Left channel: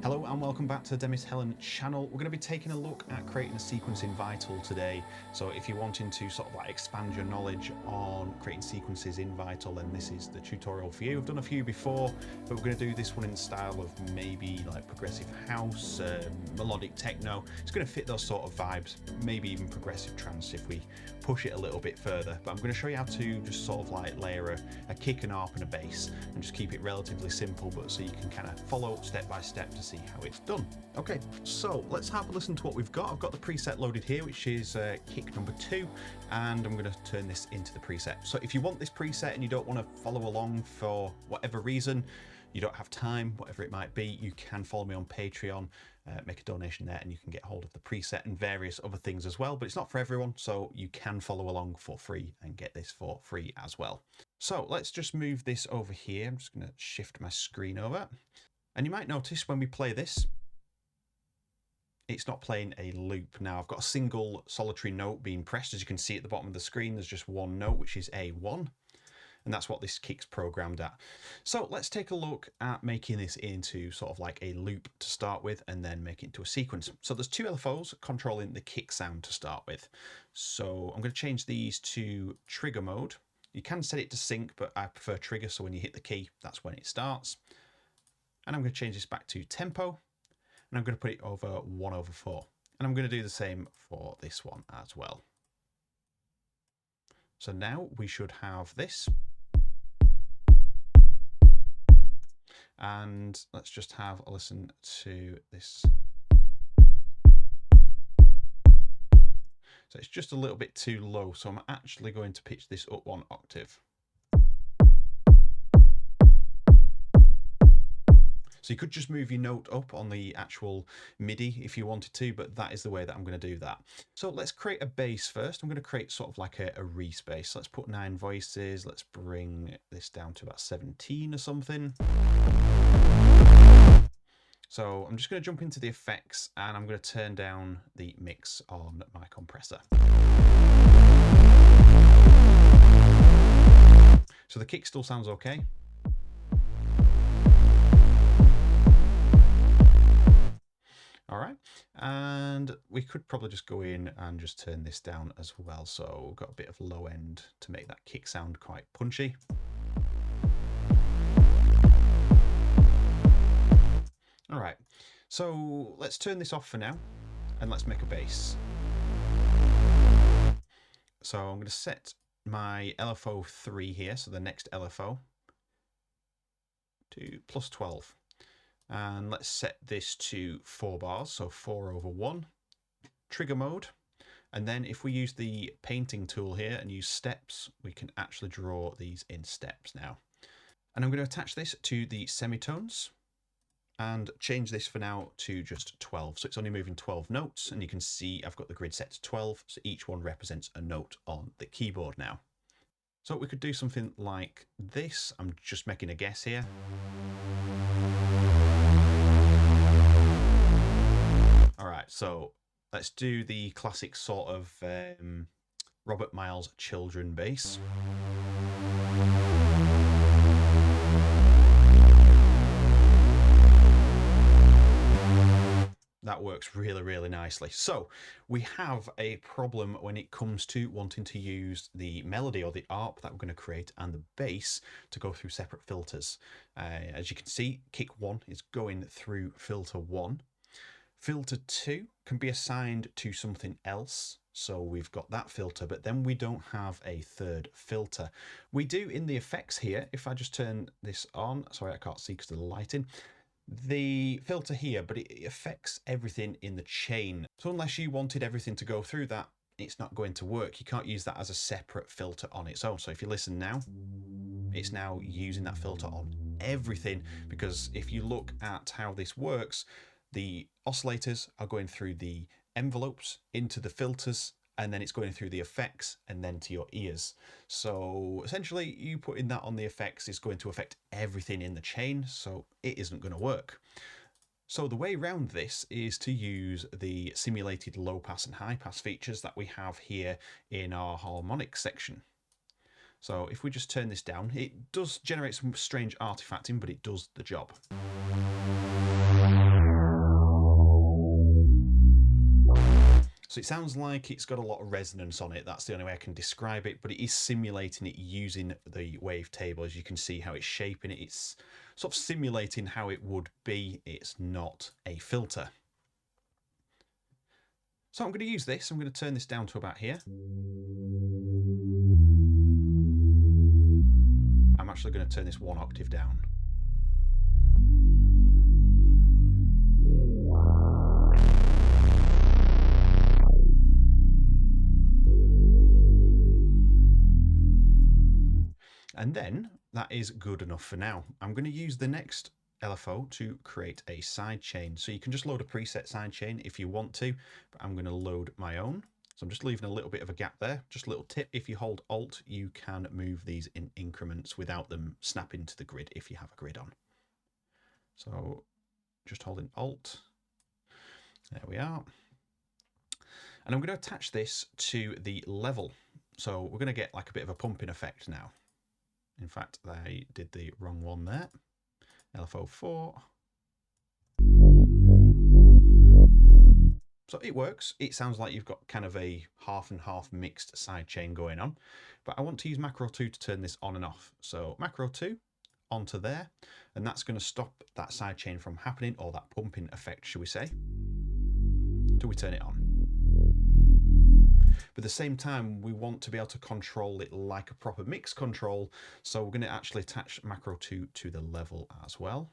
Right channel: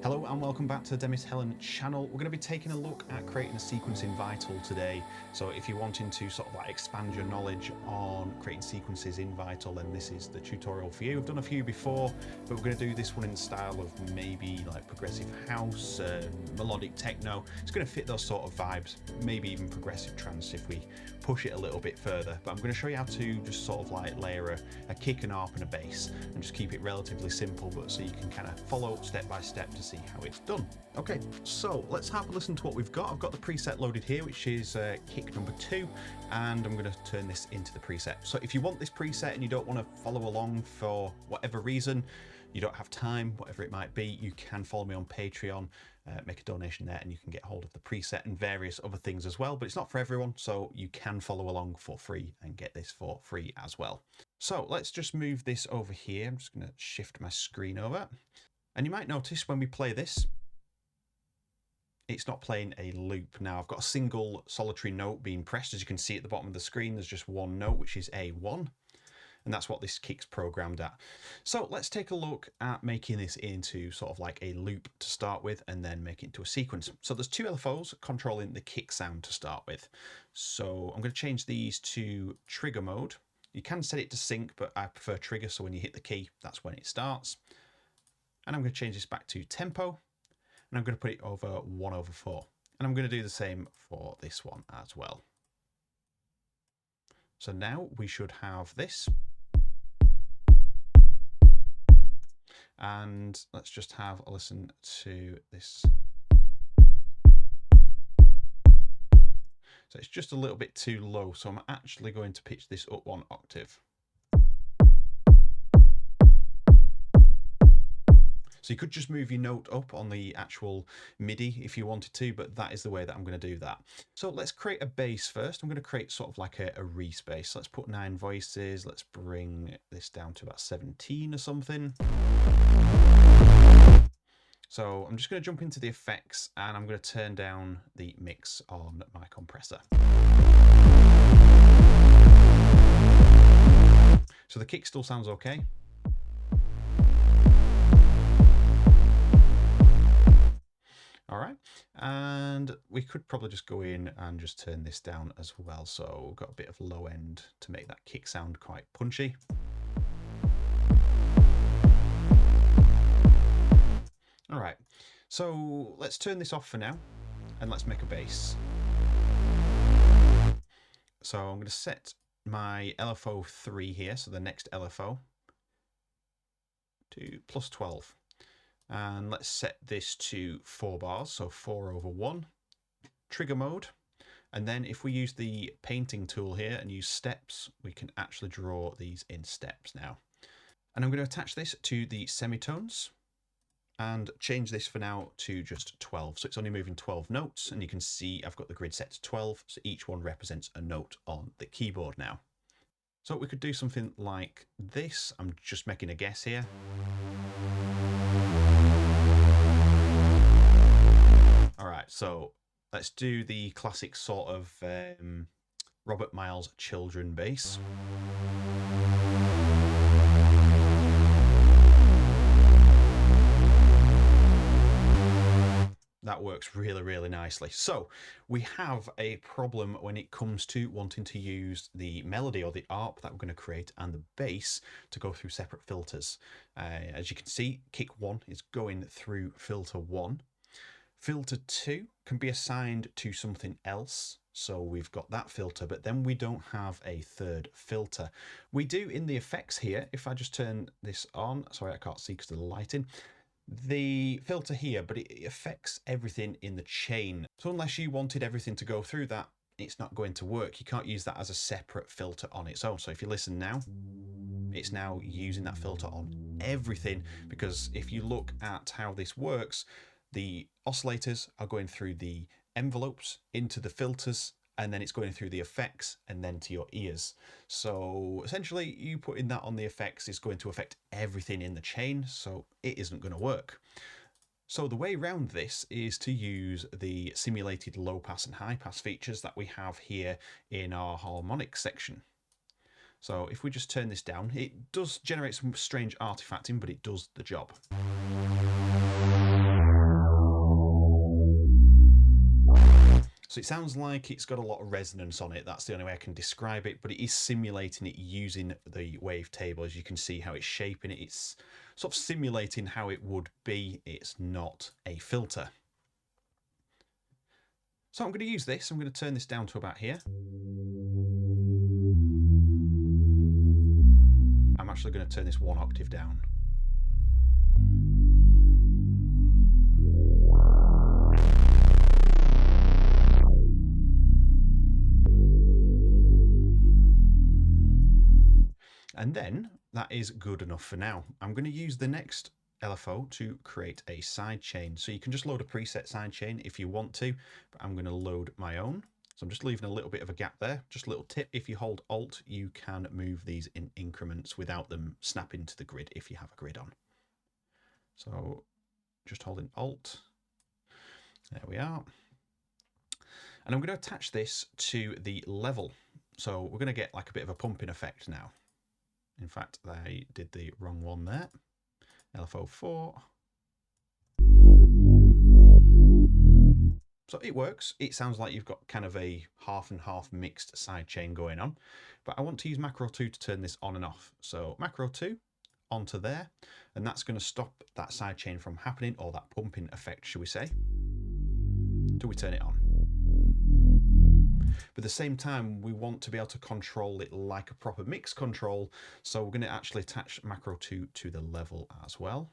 Hello and welcome back to the Demis Hellen channel. We're going to be taking a look at creating a sequence in Vital today. So if you're wanting to sort of like expand your knowledge on creating sequences in Vital, then this is the tutorial for you. We've done a few before, but we're going to do this one in the style of maybe like progressive house, melodic techno. It's going to fit those sort of vibes, maybe even progressive trance if we push it a little bit further. But I'm going to show you how to just sort of like layer a kick, an arp and a bass and just keep it relatively simple, but so you can kind of follow step by step to see how it's done. Okay, so let's have a listen to what we've got. I've got the preset loaded here, which is kick number 2, and I'm going to turn this into the preset. So if you want this preset and you don't want to follow along for whatever reason, you don't have time, whatever it might be, you can follow me on Patreon, make a donation there, and you can get hold of the preset and various other things as well. But it's not for everyone, so you can follow along for free and get this for free as well. So let's just move this over here. I'm just going to shift my screen over. And you might notice when we play this, it's not playing a loop. Now I've got a single solitary note being pressed. As you can see at the bottom of the screen, there's just one note, which is A1. And that's what this kick's programmed at. So let's take a look at making this into sort of like a loop to start with, and then make it into a sequence. So there's two LFOs controlling the kick sound to start with. So I'm going to change these to trigger mode. You can set it to sync, but I prefer trigger. So when you hit the key, that's when it starts. And I'm going to change this back to tempo, and I'm going to put it over 1/4. And I'm going to do the same for this one as well. So now we should have this. And let's just have a listen to this. So it's just a little bit too low, so I'm actually going to pitch this up 1 octave. So you could just move your note up on the actual MIDI if you wanted to, but that is the way that I'm going to do that. So let's create a bass first. I'm going to create sort of like a re-space. Let's put 9 voices. Let's bring this down to about 17 or something. So I'm just going to jump into the effects, and I'm going to turn down the mix on my compressor. So the kick still sounds okay. All right, and we could probably just go in and just turn this down as well. So we've got a bit of low end to make that kick sound quite punchy. All right, so let's turn this off for now, and let's make a bass. So I'm going to set my LFO 3 here, so the next LFO, to +12. And let's set this to 4 bars, so 4/1, trigger mode. And then if we use the painting tool here and use steps, we can actually draw these in steps now. And I'm going to attach this to the semitones and change this for now to just 12. So it's only moving 12 notes, and you can see I've got the grid set to 12, so each one represents a note on the keyboard now. So we could do something like this. I'm just making a guess here. So let's do the classic sort of Robert Miles children bass. That works really, really nicely. So we have a problem when it comes to wanting to use the melody or the ARP that we're going to create and the bass to go through separate filters. As you can see, kick 1 is going through filter 1. Filter 2 can be assigned to something else. So we've got that filter, but then we don't have a third filter. We do in the effects here. If I just turn this on, sorry, I can't see because of the lighting. The filter here, but it affects everything in the chain. So unless you wanted everything to go through that, it's not going to work. You can't use that as a separate filter on its own. So if you listen now, it's now using that filter on everything, because if you look at how this works, the oscillators are going through the envelopes into the filters, and then it's going through the effects and then to your ears. So essentially you putting that on the effects is going to affect everything in the chain, so it isn't going to work. So the way around this is to use the simulated low pass and high pass features that we have here in our harmonics section. So if we just turn this down, it does generate some strange artifacting, but it does the job. So it sounds like it's got a lot of resonance on it. That's the only way I can describe it, but it is simulating it using the wavetable. As you can see how it's shaping it, it's sort of simulating how it would be. It's not a filter. So I'm going to use this. I'm going to turn this down to about here. I'm actually going to turn this 1 octave down. And then that is good enough for now. I'm going to use the next LFO to create a sidechain. So you can just load a preset sidechain if you want to, but I'm going to load my own. So I'm just leaving a little bit of a gap there. Just a little tip, if you hold Alt, you can move these in increments without them snapping to the grid if you have a grid on. So just holding Alt. There we are. And I'm going to attach this to the level. So we're going to get like a bit of a pumping effect now. In fact, I did the wrong one there. LFO 4. So it works. It sounds like you've got kind of a half and half mixed sidechain going on. But I want to use macro 2 to turn this on and off. So macro 2 onto there. And that's going to stop that sidechain from happening, or that pumping effect, should we say, till we turn it on. But at the same time, we want to be able to control it like a proper mix control. So we're going to actually attach macro 2 to the level as well,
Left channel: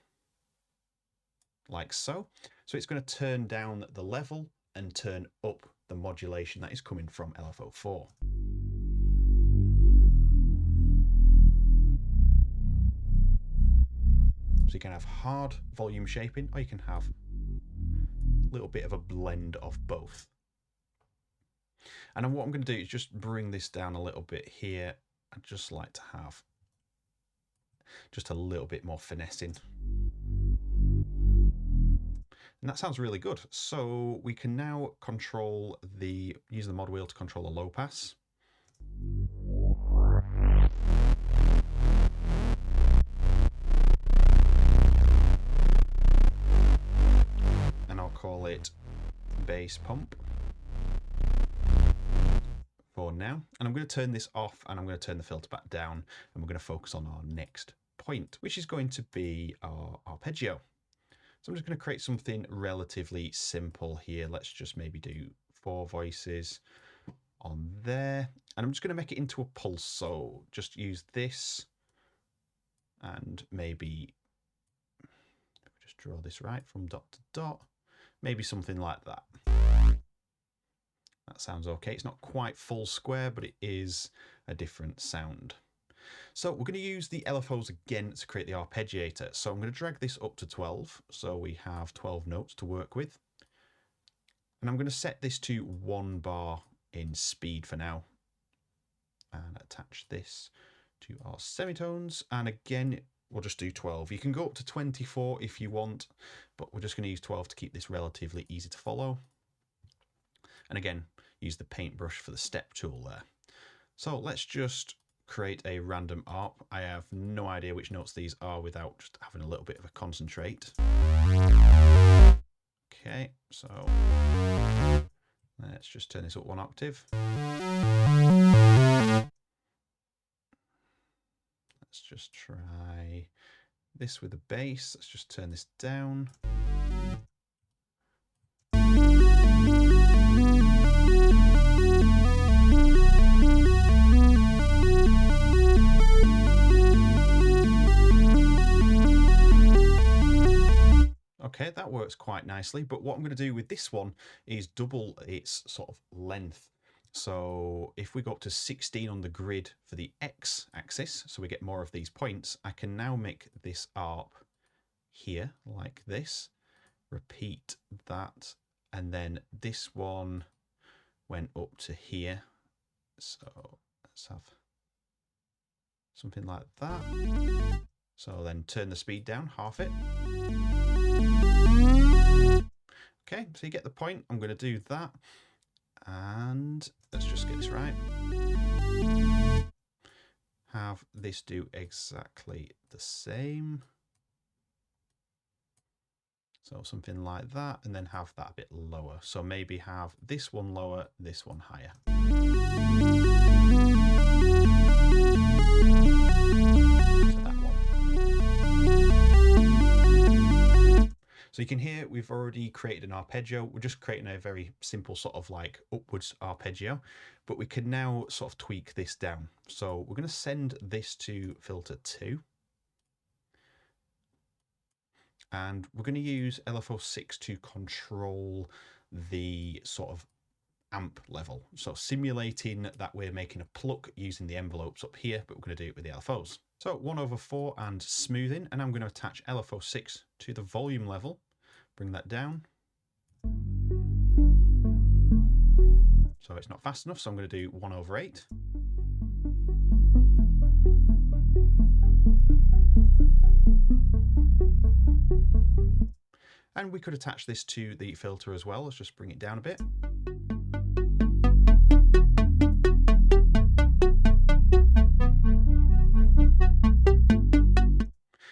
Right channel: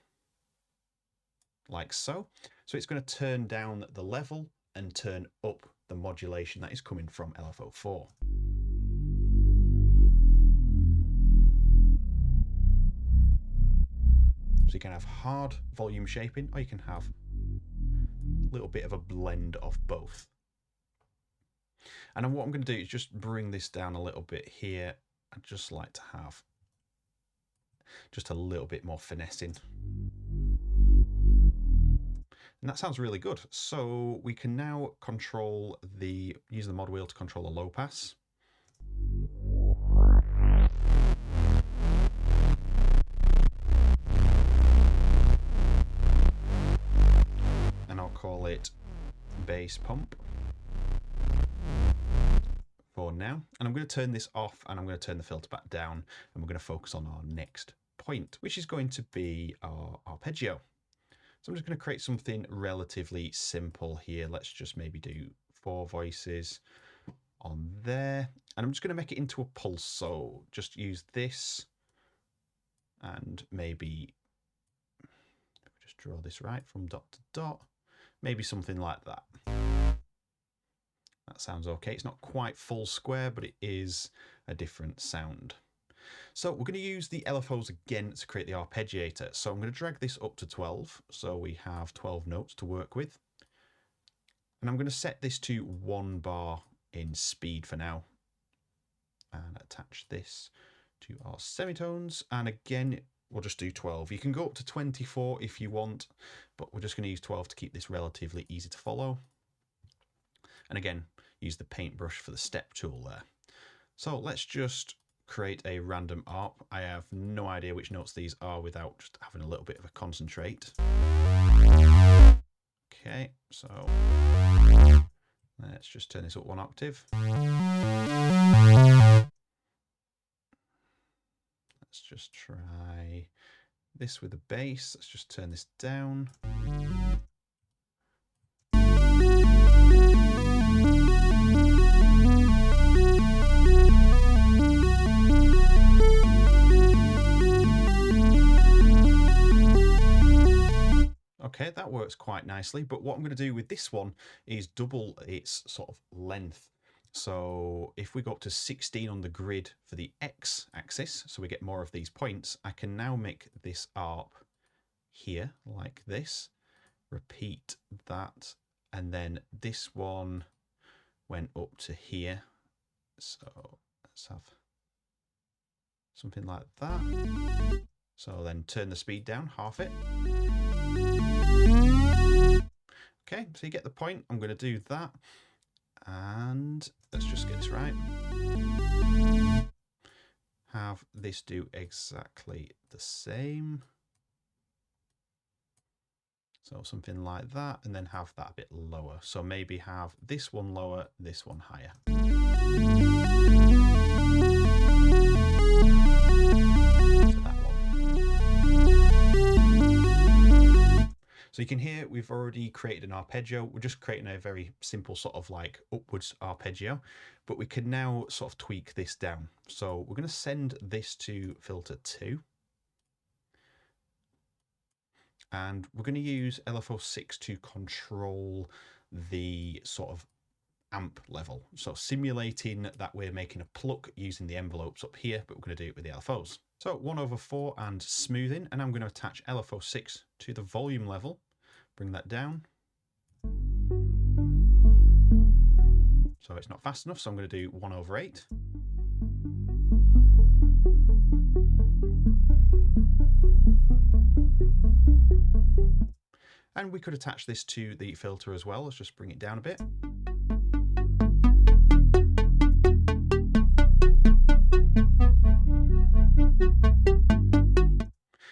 like so. So it's going to turn down the level and turn up the modulation that is coming from LFO 4. So you can have hard volume shaping, or you can have a little bit of a blend of both. And what I'm going to do is just bring this down a little bit here. I'd just like to have just a little bit more finessing. And that sounds really good. So we can now use the mod wheel to control the low pass. And I'll call it bass pump for now. And I'm going to turn this off, and I'm going to turn the filter back down, and we're going to focus on our next point, which is going to be our arpeggio. So I'm just going to create something relatively simple here. Let's just maybe do 4 voices on there. And I'm just going to make it into a pulse. So just use this, and maybe just draw this right from dot to dot. Maybe something like that. That sounds okay. It's not quite full square, but it is a different sound. So we're going to use the LFOs again to create the arpeggiator. So I'm going to drag this up to 12. So we have 12 notes to work with. And I'm going to set this to 1 bar in speed for now. And attach this to our semitones. And again, we'll just do 12. You can go up to 24 if you want, but we're just going to use 12 to keep this relatively easy to follow. And again, use the paintbrush for the step tool there. So let's just create a random arp. I have no idea which notes these are without just having a little bit of a concentrate. Okay, so let's just turn this up 1 octave. Let's just try this with the bass. Let's just turn this down. Okay, that works quite nicely, but what I'm going to do with this one is double its sort of length. So if we go up to 16 on the grid for the X axis, so we get more of these points, I can now make this arp here like this, repeat that, and then this one went up to here. So let's have something like that. So then turn the speed down, half it. Okay, so you get the point. I'm going to do that. And let's just get this right. Have this do exactly the same. So something like that, and then have that a bit lower. So maybe have this one lower, this one higher. So that one. So you can hear we've already created an arpeggio. We're just creating a very simple sort of like upwards arpeggio, but we can now sort of tweak this down. So we're going to send this to filter 2. And we're going to use LFO 6 to control the sort of amp level. So simulating that we're making a pluck using the envelopes up here, but we're going to do it with the LFOs. So 1/4 and smoothing, and I'm going to attach LFO 6 to the volume level, bring that down. So it's not fast enough, so I'm going to do 1/8. And we could attach this to the filter as well. Let's just bring it down a bit.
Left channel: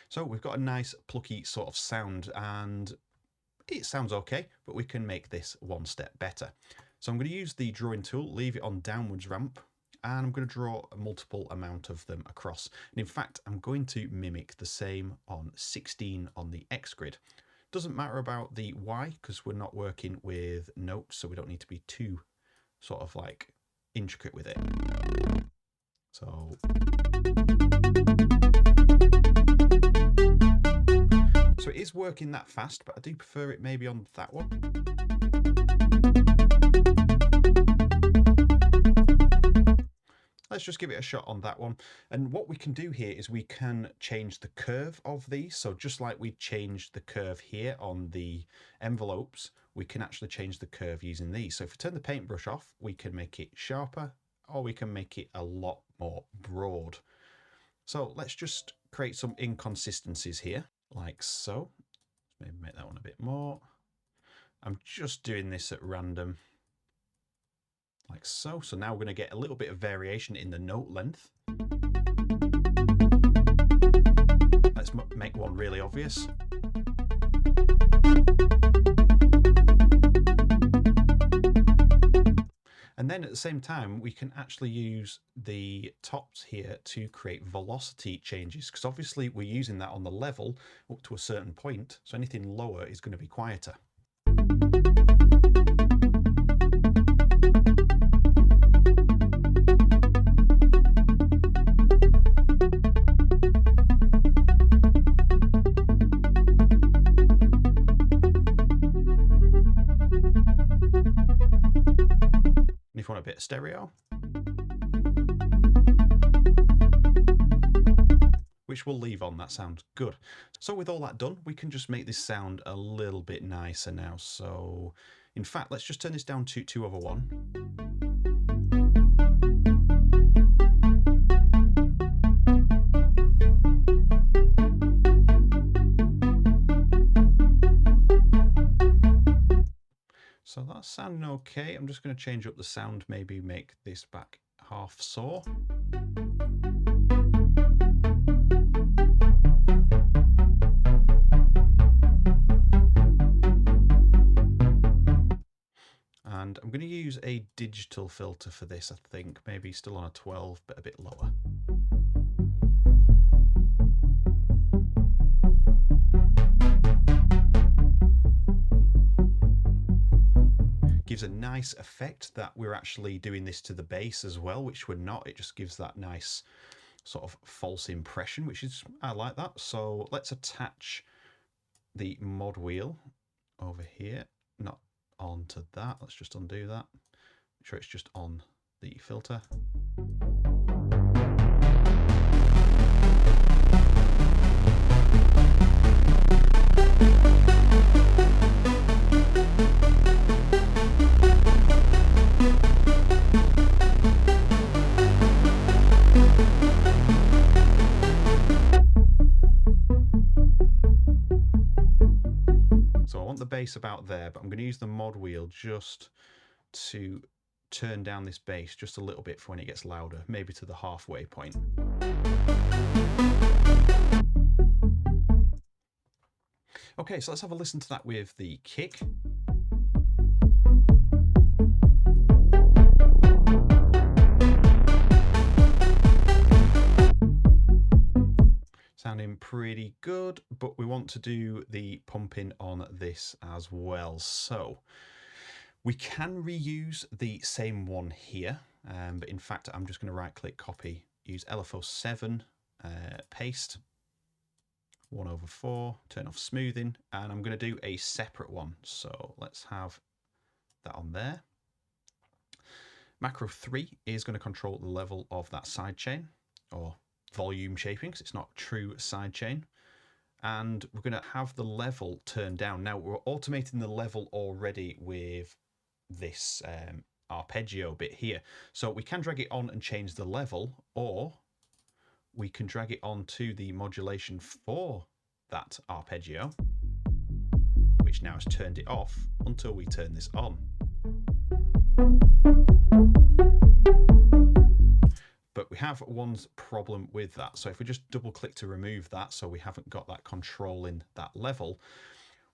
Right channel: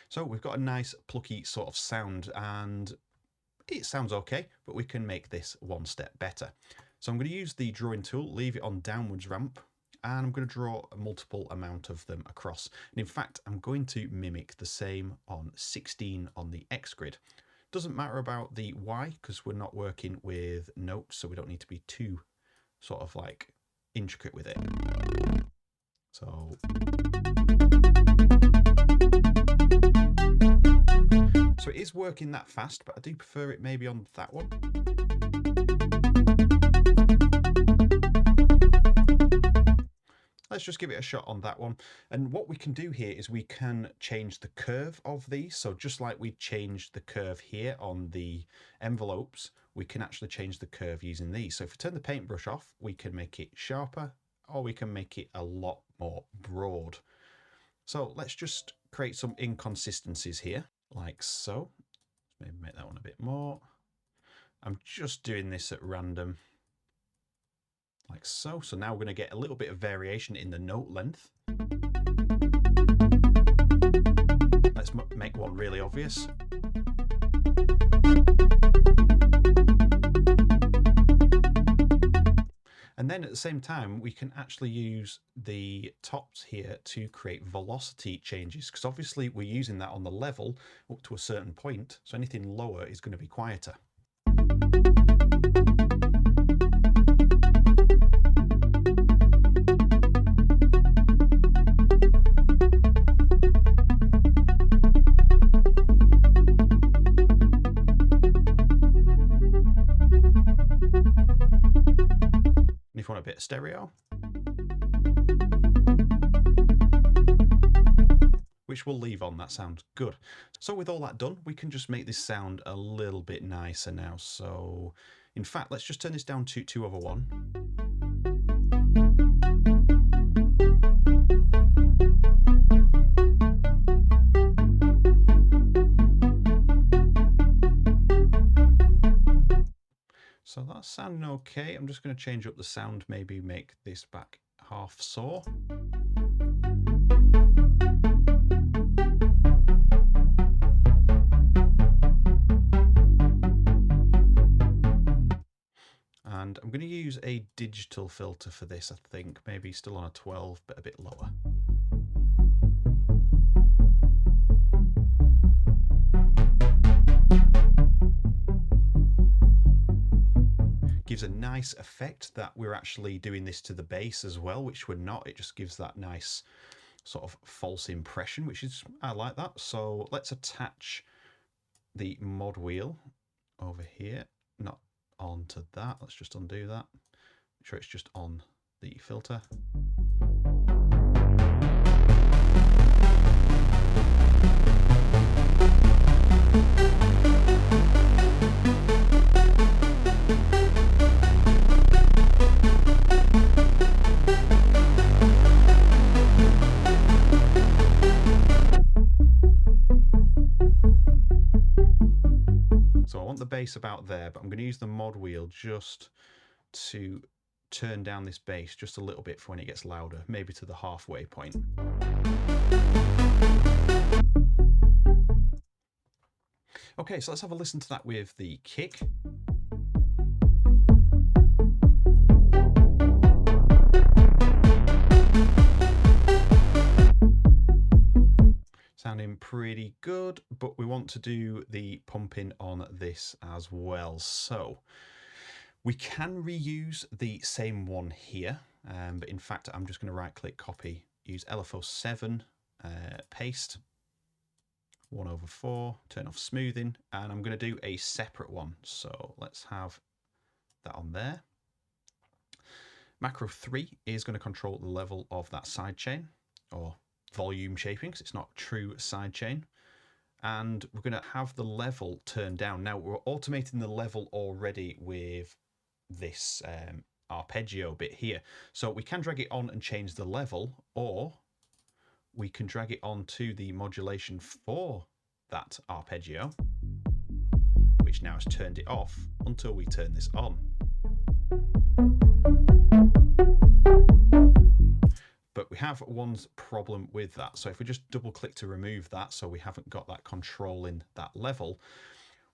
So we've got a nice plucky sort of sound, and it sounds okay, but we can make this one step better. So I'm going to use the drawing tool, leave it on downwards ramp, and I'm going to draw a multiple amount of them across. And in fact, I'm going to mimic the same on 16 on the X grid. Doesn't matter about the Y because we're not working with notes, so we don't need to be too sort of like intricate with it. So it is working that fast, but I do prefer it maybe on that one. Let's just give it a shot on that one. And what we can do here is we can change the curve of these. So just like we changed the curve here on the envelopes, we can actually change the curve using these. So if we turn the paintbrush off, we can make it sharper, or we can make it a lot more broad. So let's just create some inconsistencies here, like so. Maybe make that one a bit more. I'm just doing this at random, like so. So now we're going to get a little bit of variation in the note length. Let's make one really obvious. And then at the same time, we can actually use the tops here to create velocity changes, because obviously we're using that on the level up to a certain point. So anything lower is going to be quieter. If you want a bit of stereo, which we'll leave on, that sounds good. So with all that done, we can just make this sound a little bit nicer now. So in fact, let's just turn this down to 2/1. So that's sounding okay. I'm just going to change up the sound, maybe make this back half saw. And I'm going to use a digital filter for this, I think. Maybe still on a 12, but a bit lower. Gives a nice effect that we're actually doing this to the bass as well, which we're not. It just gives that nice sort of false impression, which is, I like that. So let's attach the mod wheel over here, not onto that. Let's just undo that. Make sure it's just on the filter. So I want the bass about there, but I'm going to use the mod wheel just to turn down this bass just a little bit for when it gets louder, maybe to the halfway point. Okay, so let's have a listen to that with the kick. Sounding pretty good, but we want to do the pumping on this as well. So we can reuse the same one here, but in fact, I'm just going to right click, copy, use LFO 7, paste, 1/4, turn off smoothing, and I'm going to do a separate one. So let's have that on there. Macro 3 is going to control the level of that sidechain, or volume shaping, because it's not true sidechain. And we're going to have the level turned down. Now we're automating the level already with this arpeggio bit here. So we can drag it on and change the level, or we can drag it on to the modulation for that arpeggio, which now has turned it off until we turn this on. But we have one problem with that. So if we just double click to remove that, so we haven't got that control in that level,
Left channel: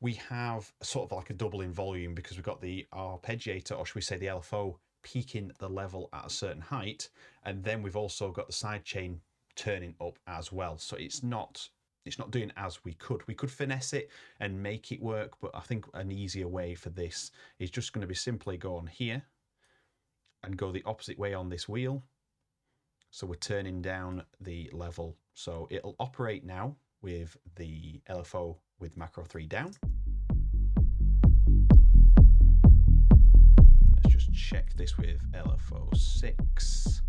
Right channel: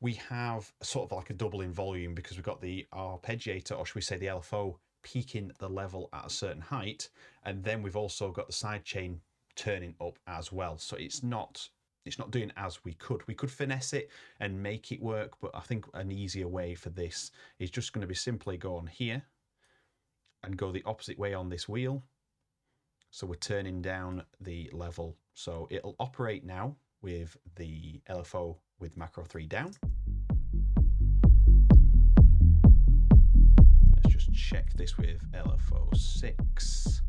we have sort of like a double in volume, because we've got the arpeggiator, or should we say the LFO, peaking the level at a certain height, and then we've also got the sidechain turning up as well. So it's not doing as we could. We could finesse it and make it work, but I think an easier way for this is just going to be simply go on here and go the opposite way on this wheel. So we're turning down the level. So it'll operate now with the LFO with macro 3 down. Let's just check this with LFO 6.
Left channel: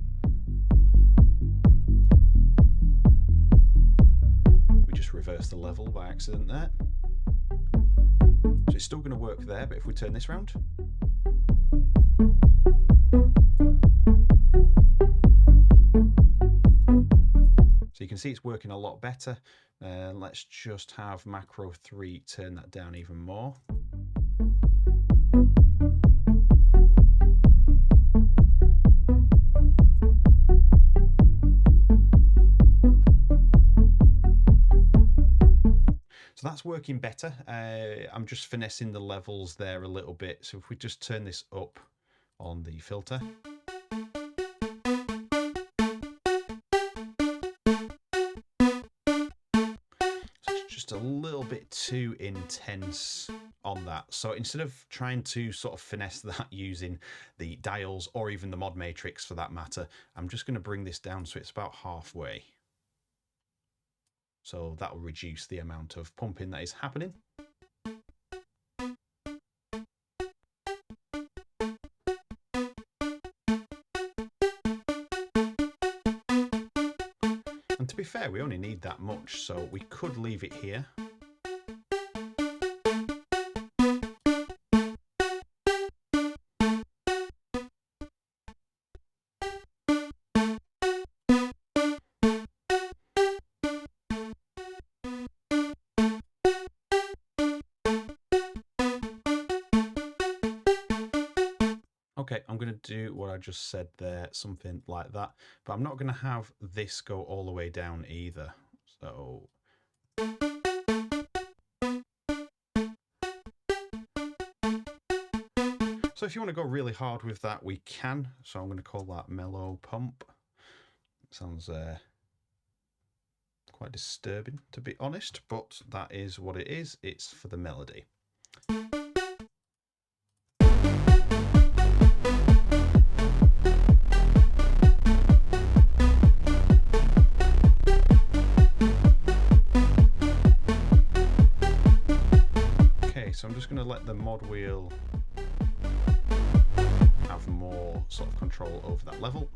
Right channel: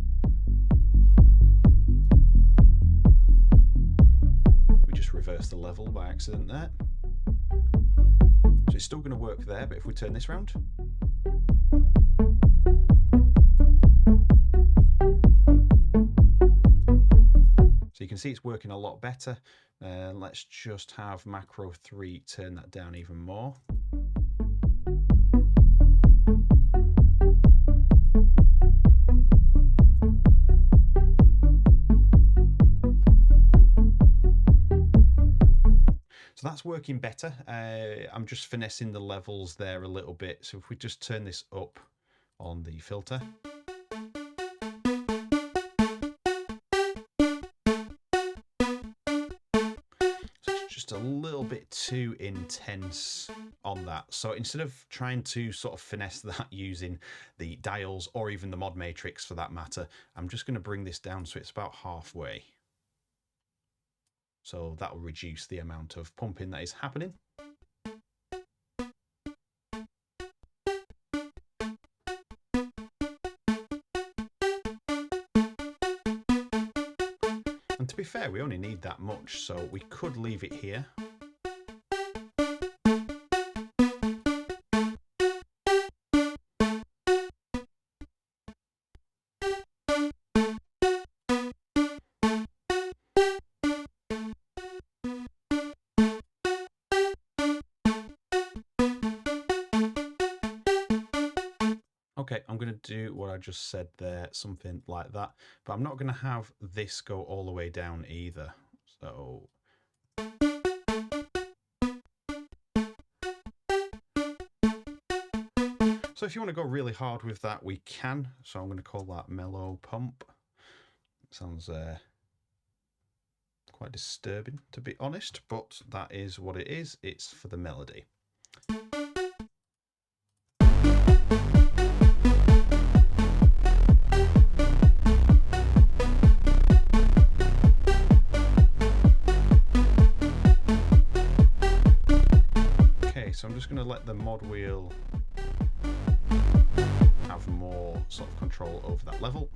We just reversed the level by accident there. So it's still going to work there, but if we turn this round, so you can see it's working a lot better. Let's just have macro 3 turn that down even more. So that's working better. I'm just finessing the levels there a little bit. So if we just turn this up on the filter. A little bit too intense on that. So instead of trying to sort of finesse that using the dials or even the mod matrix for that matter, I'm just going to bring this down so it's about halfway. So that will reduce the amount of pumping that is happening. And to be fair, we only need that much, so we could leave it here. Okay, I'm going to do what I just said there, something like that, but I'm not going to have this go all the way down either. So if you want to go really hard with that, we can. So I'm going to call that mellow pump. Sounds quite disturbing, to be honest, but that is what it is. It's for the melody. So I'm just going to let the mod wheel have more sort of control over that level.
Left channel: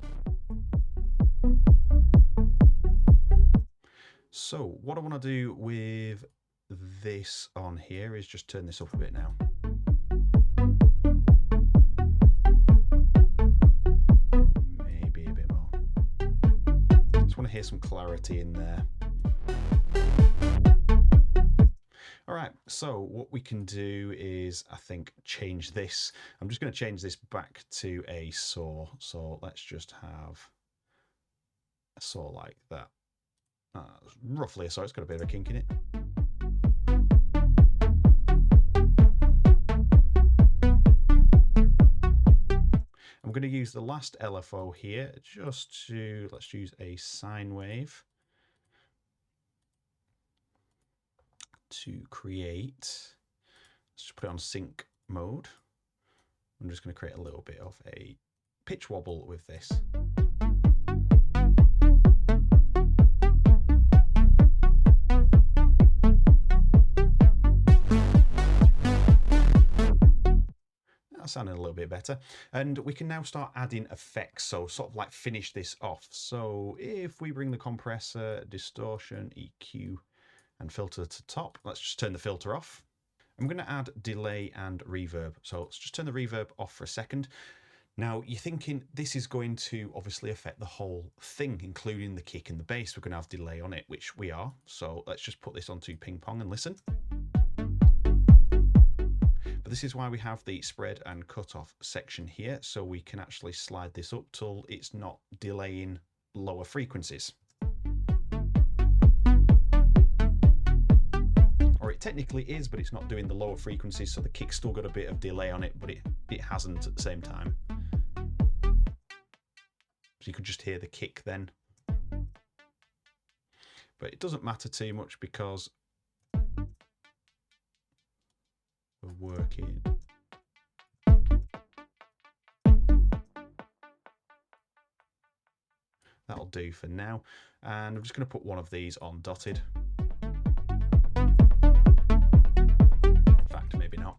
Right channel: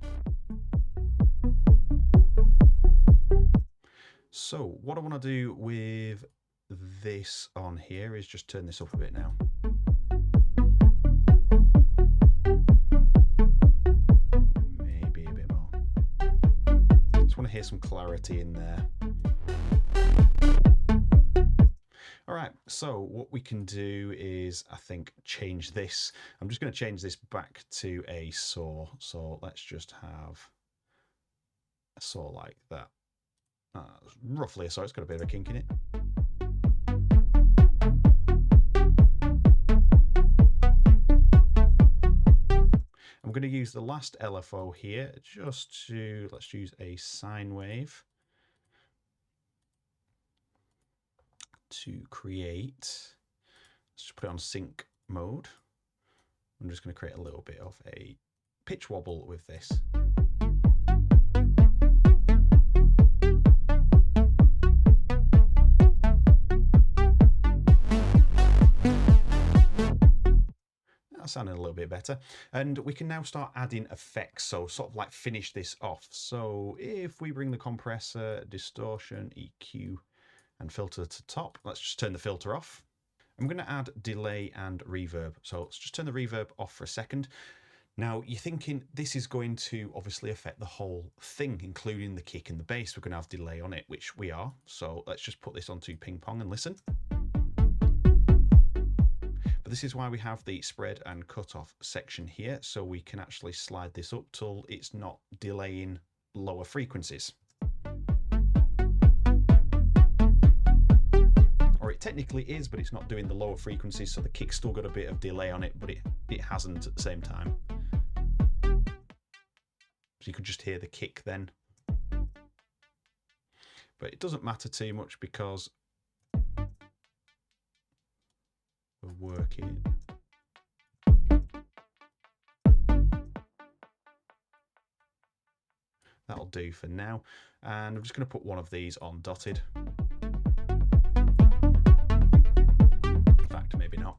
So what I want to do with this on here is just turn this up a bit now. Maybe a bit more. Just want to hear some clarity in there. All right, so what we can do is, I think, change this. I'm just going to change this back to a saw. So let's just have a saw like that. Roughly a saw, it's got a bit of a kink in it. going to use the last LFO here just to, let's use a sine wave to create, let's just put it on sync mode. I'm just going to create a little bit of a pitch wobble with this. That sounded a little bit better. And we can now start adding effects, so sort of like finish this off. So if we bring the compressor, distortion, EQ, and filter to top, let's just turn the filter off. I'm going to add delay and reverb. So let's just turn the reverb off for a second. Now you're thinking this is going to obviously affect the whole thing, including the kick and the bass. We're going to have delay on it, which we are. So let's just put this onto ping pong and listen. But this is why we have the spread and cut off section here. So we can actually slide this up till it's not delaying lower frequencies. Or it technically is, but it's not doing the lower frequencies, so the kick's still got a bit of delay on it, but it hasn't at the same time. So you could just hear the kick then. But it doesn't matter too much because we're working. That'll do for now. And I'm just going to put one of these on dotted. Maybe not.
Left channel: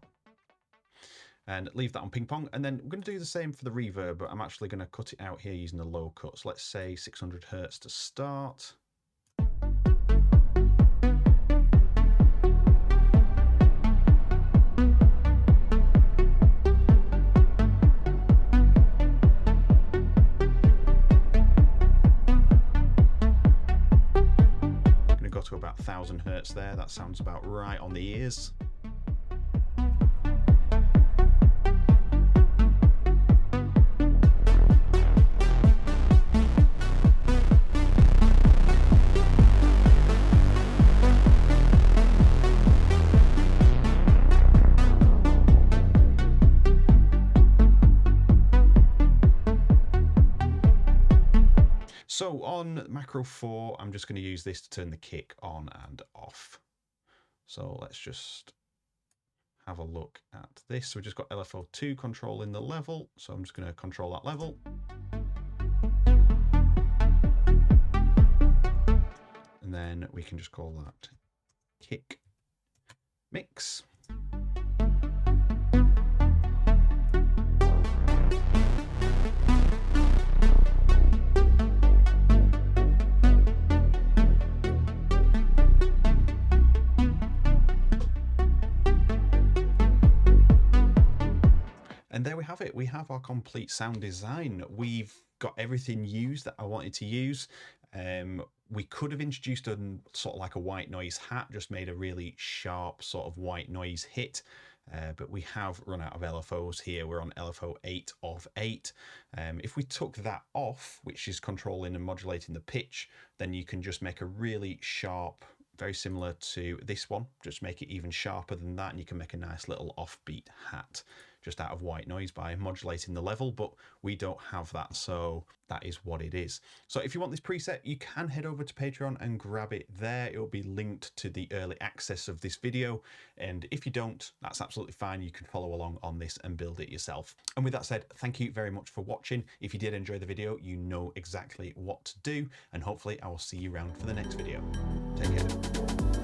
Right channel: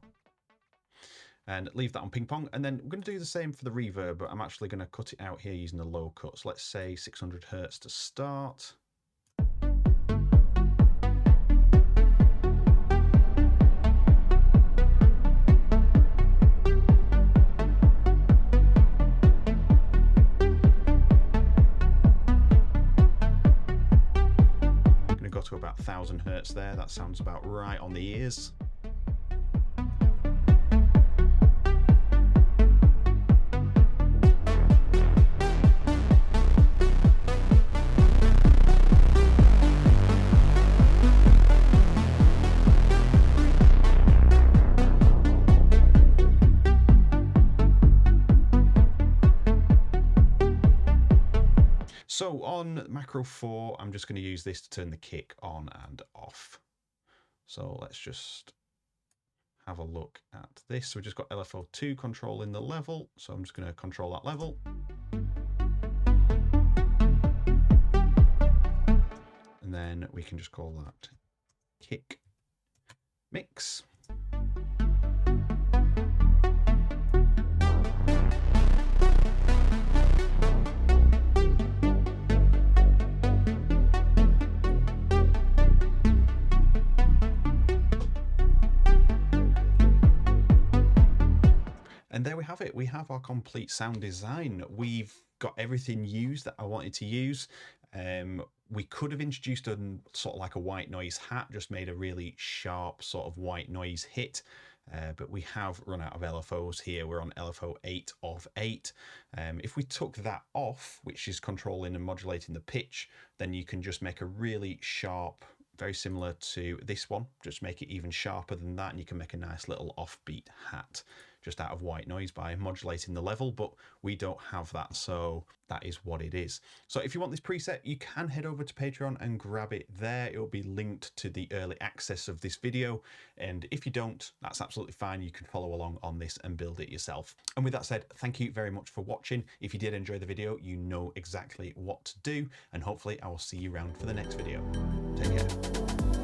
And leave that on ping pong. And then we're going to do the same for the reverb, but I'm actually going to cut it out here using the low cut. So let's say 600 Hertz to start. I'm going to go to about 1000 Hertz there. That sounds about right on the ears. So on macro 4, I'm just going to use this to turn the kick on and off. So let's just have a look at this. We've just got LFO 2 controlling the level. So I'm just going to control that level. And then we can just call that kick mix. And there we have it. We have our complete sound design. We've got everything used that I wanted to use. We could have introduced a sort of like a white noise hat, just made a really sharp sort of white noise hit. But we have run out of LFOs here. We're on LFO 8 of 8. If we took that off, which is controlling and modulating the pitch, then you can just make a really sharp, very similar to this one, just make it even sharper than that, and you can make a nice little offbeat hat just out of white noise by modulating the level, but we don't have that, so that is what it is. So if you want this preset, you can head over to Patreon and grab it there. It will be linked to the early access of this video, and if you don't, that's absolutely fine. You can follow along on this and build it yourself. And with that said, thank you very much for watching. If you did enjoy the video, you know exactly what to do, and hopefully I will see you around for the next video. Take care.